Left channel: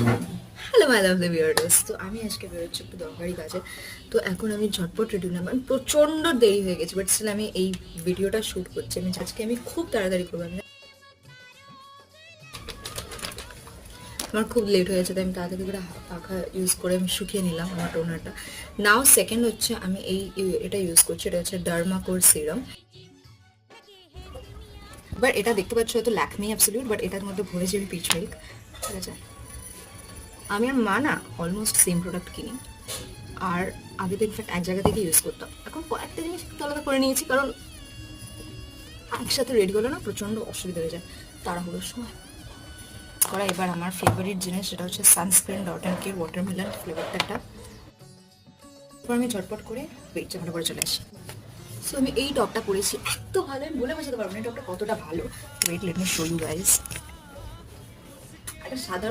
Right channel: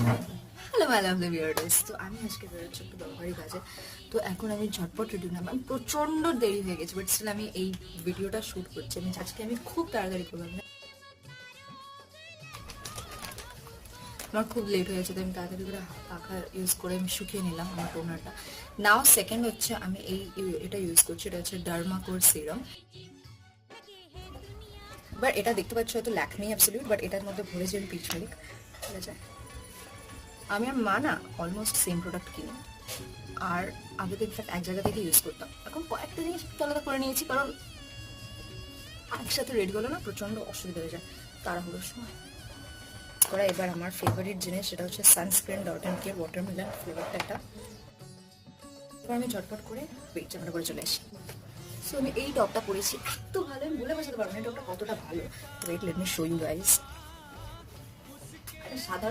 Hello my lovely viewers, তো আমি আজকে বেরোচ্ছি একটু দরকারি কাজে। তো এখন আমি ঝটপট রেডি হলাম, মানে প্রচণ্ড দেরি হয়ে গেছে, বাট স্টিল আমি এই ভিডিওটা শ্যুট করছি। আজকে আমি খুব তাড়াতাড়ি করবো। আমার খুব লেট হয়েছে, তাই আমি তাড়াতাড়ি করে পাখা ইউজ করে আমি শুকিয়ে নিলাম আমার টোনারটা। নাও সেকেন্ড হচ্ছে আমি এটা ইউজ করছি, এটা হচ্ছে ডার্মাকোর সিরাম। এবার এটা দেখতে পাচ্ছ হয়তো ল্যাকমি অ্যাবসলিউট, বাট এটার মধ্যে ভরেছে আমি পিচ মিল্ক। ঠিক আছে, আমি আর মা না অলমোস্ট সেম প্রোডাক্ট কিনি, আর আগে তো ইনফ্যাক্ট এক জায়গা থেকে ইউজ করতাম। এখন কয়েকটা জিনিস আলাদা করে নিয়েছি, কারণ একসাথে রেডি করলে না প্রচণ্ড অসুবিধা হয়ে যায় তাড়াহুড়োর সময় করা। এবার আমার ফেভারিট জিনিস যেটা হচ্ছে sunscreen dot and care watermelon ফ্লেভারটা একটা। এরপর আমি ঝটপট করে ওয়েট চাপটা করে চলে আসি। সো আমি এই টপটা পরেছি, এত ভালো আমি বলে বোঝাতে পারবো না এই টপটা কতটা ভালো। Wait let me show you guys. একটা সাধারণ